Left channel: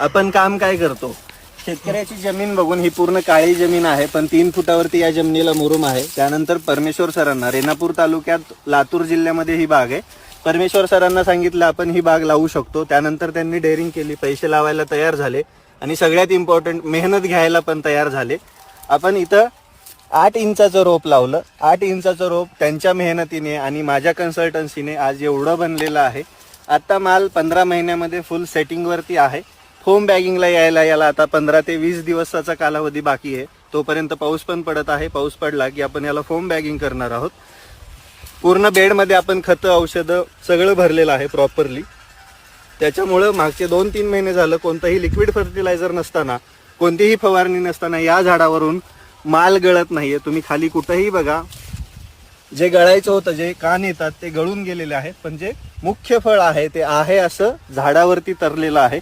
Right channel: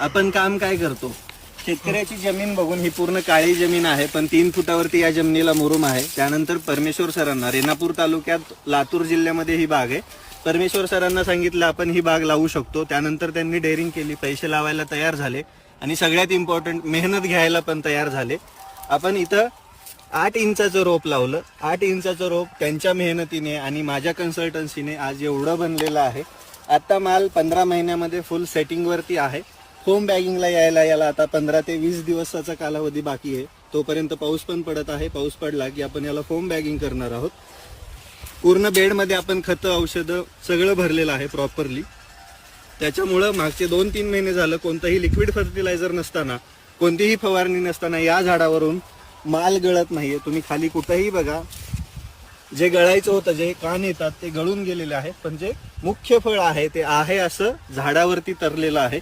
आपण काम काय करतो, शेतकऱ्याची जमीन बघून, ही पूर्ण काळी जमीन आहे पण 3 फुटावरती या जमिनीला मुरुम आहे. त्यानंतर परमेश्वर सरांना, रेणापूर तालुक्यात लातूर जिल्ह्यामध्ये ही बाग आहे, परमेश्वर सरांना सांगितलं आपण ही बाग लावू शकतो. त्यानंतर त्यांनी डेअरिंग केली, पैसे लावायला तयार झाले आणि सगळ्यात इम्पॉर्टंट मेहनत घ्यायला पण तयार झाले. आपण इथं 8 इंचाचं रोप लावलं. 8 इंचाचं रोप त्यांच्या मेहनतीने आणि माझ्या कन्सल्टन्सीने आज एवढं बनलेलं आहे. आता माल 15 महिन्यामध्ये फुल सेटिंगवरती आहे. फोम बॅगिंगला यायला आता 15 ते 20 दिवसाचा कालावधी बाकी आहे. तोपर्यंत पाऊस पण पडत आहे. पाऊस पडला की आपण याला फोम बॅगिंग करणार आहोत. पूर्ण बेडमध्ये आपण खतं, औषधं सगळं भरलेलं आहे प्रॉपरली. त्याच्यामुळं मागचे 2-3 महिने झालं कोणतंही लिक्विड फर्टिलायझर नसताना, कोणतीही फवारणी नसताना या झाडावरून माल गळत नाहीये. तुम्ही खाली कुठेही बघा, जे गळायचं होतं, जे कान येतात ते गळून गेलेले आहे, पण जे मुख्य फळ आहे ते आहे असं झाडावरती तरलेलं आहे.